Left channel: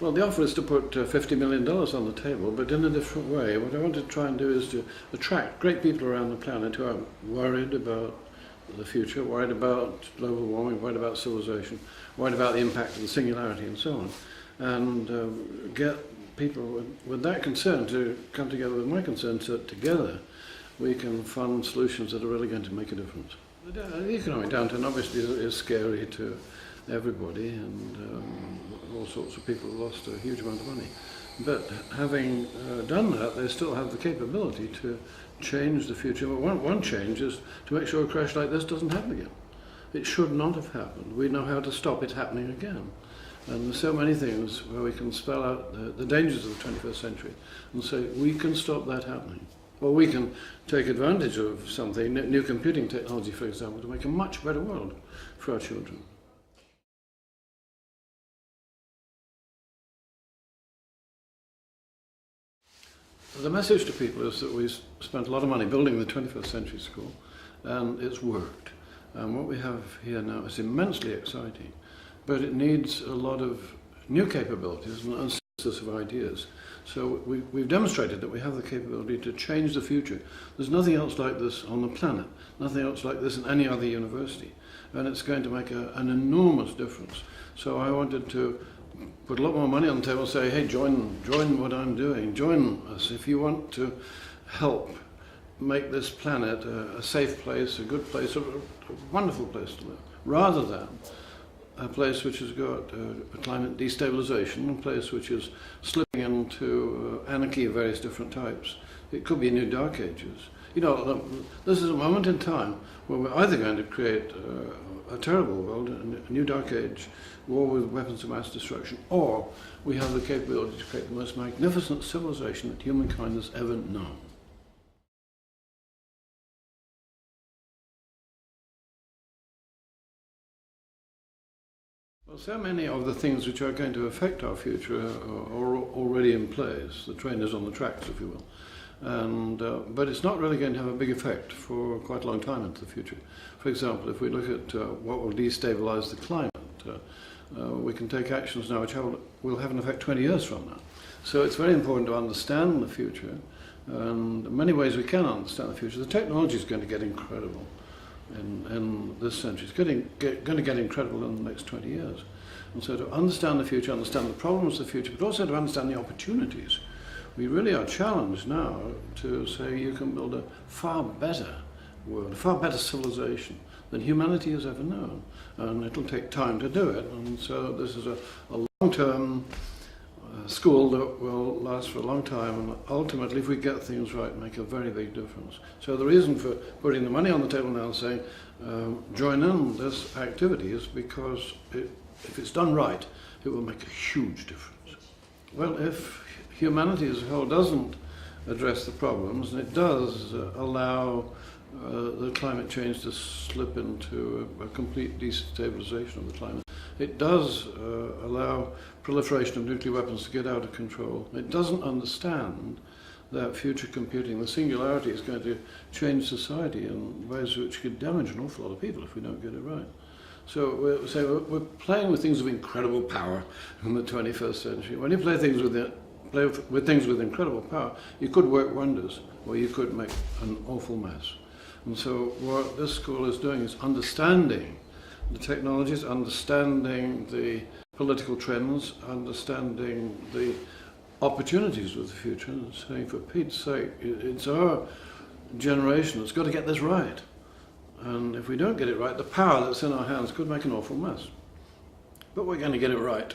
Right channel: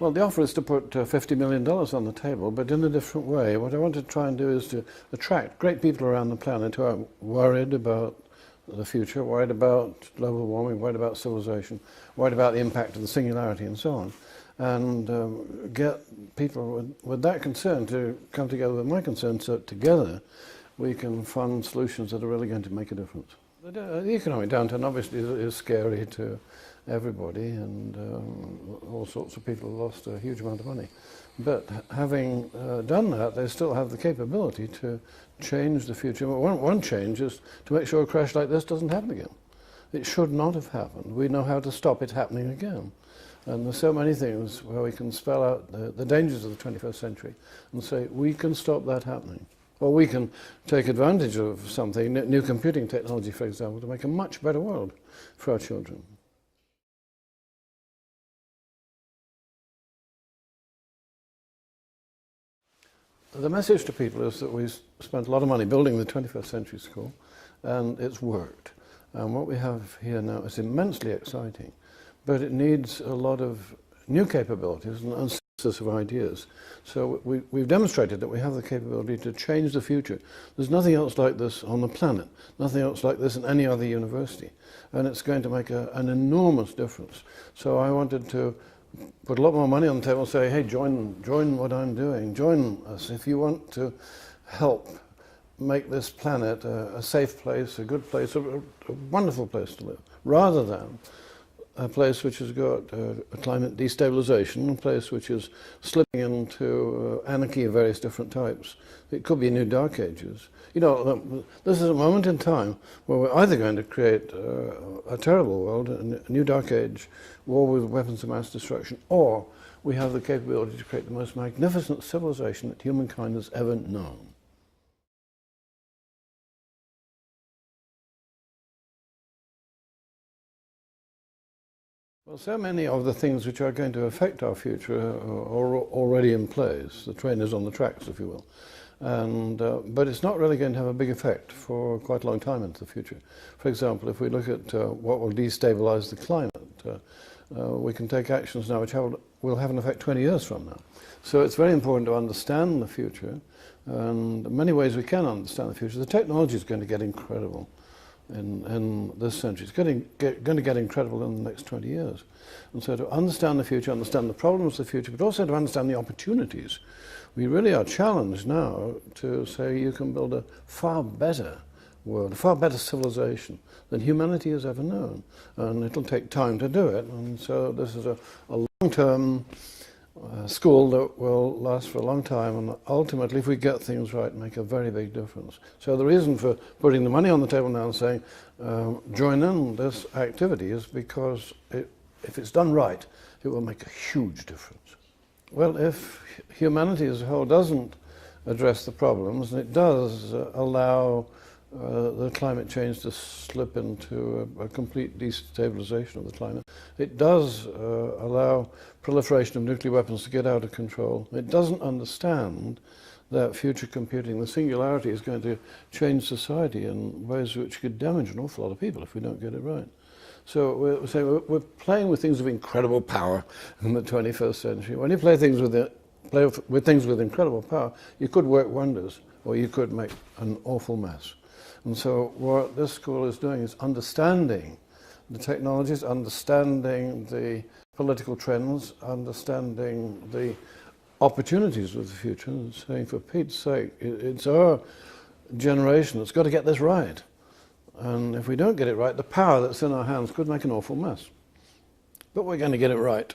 Well, the offer is to put $50 million on the table, but in a different way. What I want to try and do is to attract great people around the planet who are worried about the future, worried about global warming, worried about civilization, worried about the impact of the singularity and so on, and get people with that concern to come together with my concern so that together we can fund solutions that are really going to make a difference. The economic downturn obviously is scary to everybody, and all sorts of people lost a huge amount of money. But having done that, they still have the capability to change the future. One change is to make sure a crash like this doesn't happen again. It should not have happened. We know how to stop it happening again. And there's so many things where we can spell out the dangers of the 21st century and say, we can stop that happening. Or we can take advantage of something, new computing technology, for example, to make a much better world for our children. The message to people is that we spent a lot of money building the 21st century school, and it's worked. And what we have here now is immensely exciting, but it needs a lot of new capabilities and a synthesis of ideas. So we've demonstrated that we have the capability to change the future. There's nothing else like this on the planet, nothing else like this in any other university, and it's going to make an enormous difference. So I wanted to put a lot more money on the table and say, hey, join what I'm doing, join us if you want to help make this planet a safe place, a good place, a wonderful place to live, rather than a place which has got a climate destabilization, a place which is slipping into anarchy of various different types. It could be a new dark ages. You know, this is a moment in time where we're either going to create a terrible world, a new dark age, war with weapons of mass destruction, or we have the capability to create the most magnificent civilization that humankind has ever known. Well, so many of the things which are going to affect our future are already in place. The train is on the tracks, if you will. And, but it's not really going to have a big effect for quite a long time into the future. For example, if we look at what will destabilize the climate, we can take actions now which will have an effect 20 years from now. So it's very important to understand the future, and in many ways we can understand the future. The technology is going to get incredible in this century. It's going to get incredible in the next 20 years. And so to understand the future, understand the problems of the future, but also to understand the opportunities. We really are challenged now to say you can build a far better world, a far better civilization than humanity has ever known. And it'll take time to do it. And so this is a long-term school that will last for a long time, and ultimately, if we get things right, make a very big difference. So the reason for putting the money on the table now and saying, join in this activity is because if it's done right, it will make a huge difference. Well, if humanity as a whole doesn't address the problems, and it does allow the climate change to slip into a complete destabilization of the climate. It does allow proliferation of nuclear weapons to get out of control. It doesn't understand that future computing, the singularity, is going to change society in ways which could damage an awful lot of people if we don't get it right. So we're playing with things of incredible power in the 21st century. When you play with things with incredible power, you could work wonders, or you could make an awful mess. And so what this school is doing is understanding the technologies, understanding the political trends, understanding the opportunities of the future, and saying, for Pete's sake, it's our generation that's got to get this right. And if we don't get it right, the power that's in our hands could make an awful mess. But we're going to get it right.